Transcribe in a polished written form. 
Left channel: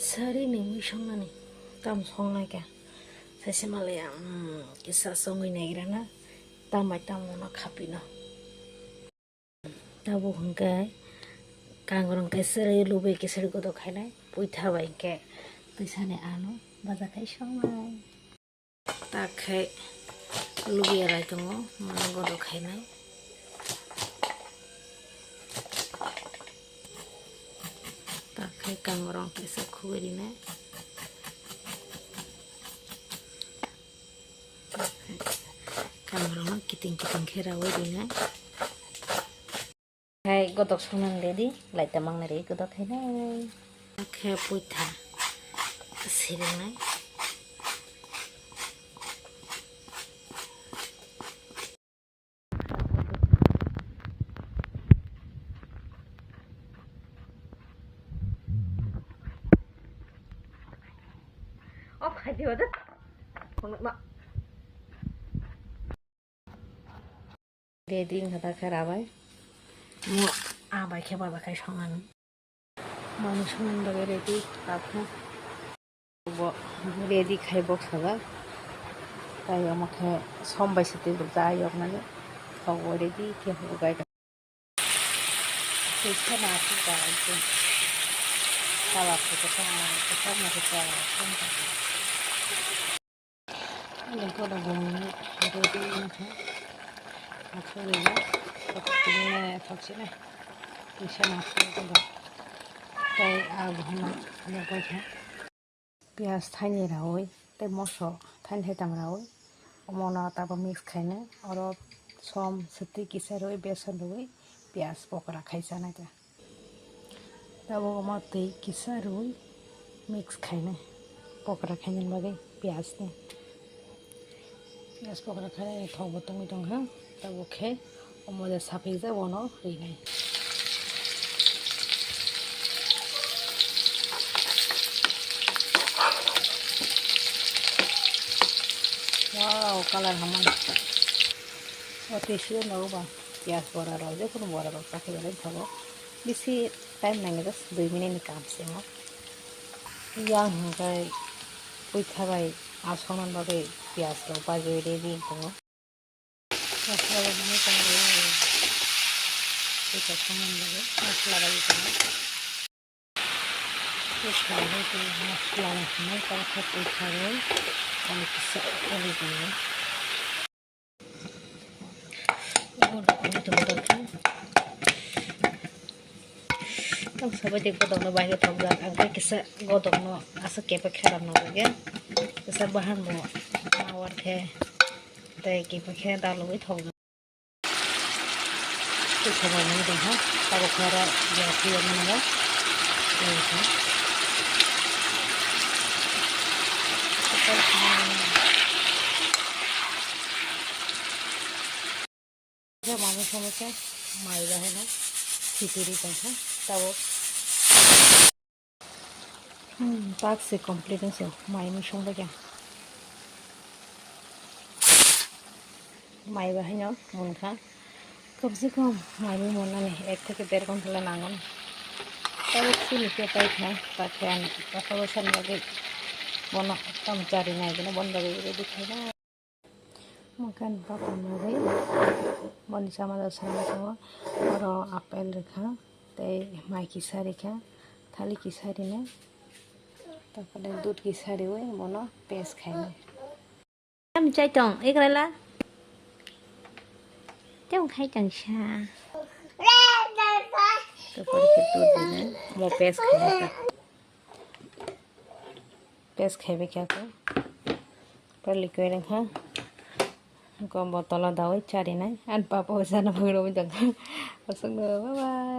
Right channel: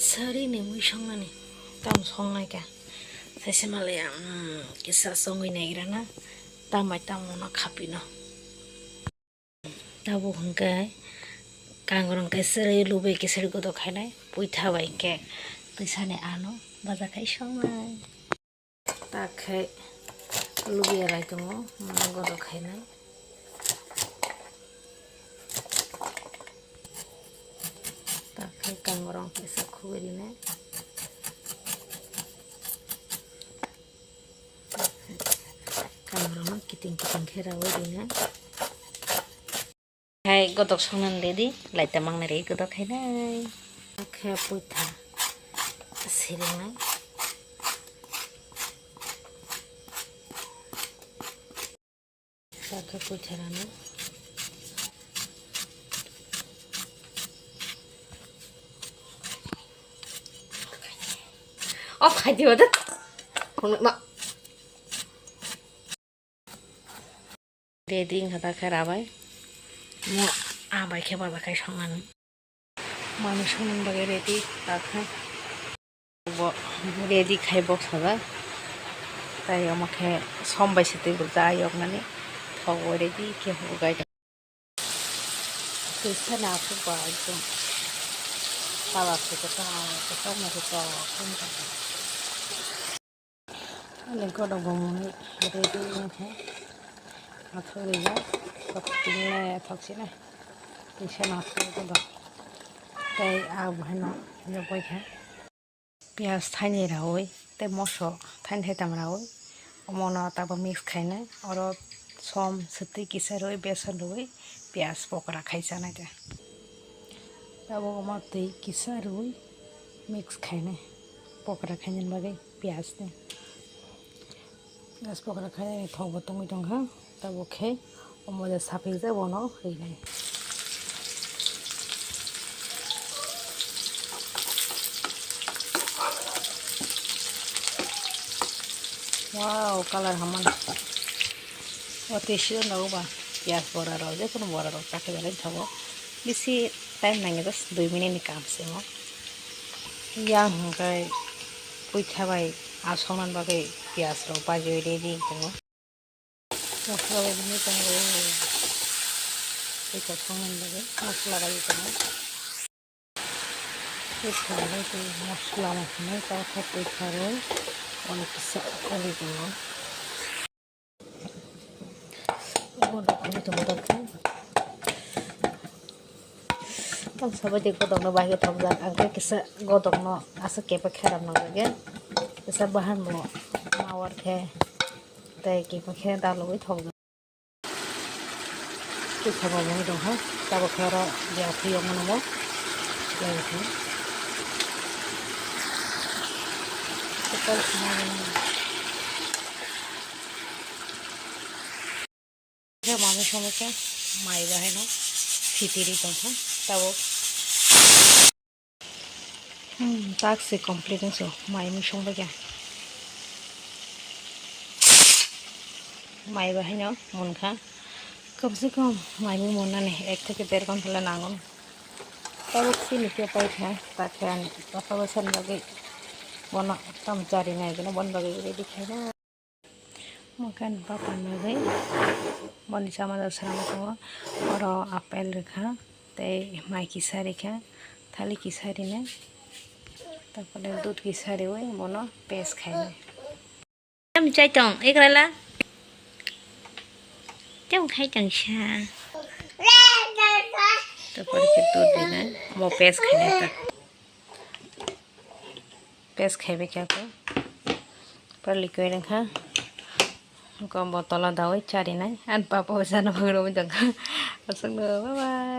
Sari ni mui songani tam songnai ka saise malaya kisa songoi nagira na tamai tamona khapino tabo hungkai kangrong kai sari lubai kisari godo khainai puitha bai ke tuisane ano baja kai songnai takhai lubai rai tongo mana godo khainai takhai kangrong kisa khuirine kangrong kiting khera oirine hai godok songnan dedi laita mangne re godok khainai khe puitha siringnai sakha puitha off khai diyo da ma dedi ngata kherabai mo abai kheba bakai songan manu songan bagai ready takha bo ready khai box haba tai amake sombai sete burja ayok nani thogo ready ke ho gai tesa na ku ba ekdom tawa ko ta ko na ko ta kom ta ale ko da bom ready na Akhirnya ini toksina bisa masuk ke dalam kayak abu heno nyobai kan pias thaini raoi te moso thain thaitam raoi omona taba mix khaina oro som sati kisaroi besan roi pias pokora khaisana ta tabo omate kisaroi mix khaina pokora khainin bagai pias ne pias pokora khaina thok botong dong ha tabo khe omoda sapi ja bono reinai wow color haman ote shiro no ba pias bora ro je kono bora ro takhe bale thabo bisi time nange just 2 minute ni kam se mo yang kai puitha bai asongnan bagai pias ro bajoi ready tongo masala ini tanggo kita songan bagai masala lagi tongo puitha ro tu masala na ka kha puitha ro oni kisa oli tongo oni tongo ta tam sabai de godok no bagai thobjak angke kisa godok no asa kepa kheram no lage kisa bahan mo mawar khe tai kepa khe daloi thobjak puitha ba mo dong ha tabo khara ja phiyo mono mo lagi ya mami someke mai baheno fitiri tong ha tabo task se complete so mai mi songba kya mai baheno monka कम से कम माइमी मोना ने 1 থেকে 1.5 ঘন্টা নাঙন তবে কি লিখে পাই খায় পাখান পাখা বসান লাগে বন তামচারি নাই কেন বন বাগে রেডি খাই না makan papan bagai boni sama dasar sama oro apel rekha tei mai kisari kha thali kisari ne tapore dud kisari oi mono pes khai ne em chai tong ikrala Trong khai chẳng xa Tapos kita din mo pes khai ta pes khai be kya ko par liquid kha ko botol dawai chari nai an papa sana bhagro jang asang bye bye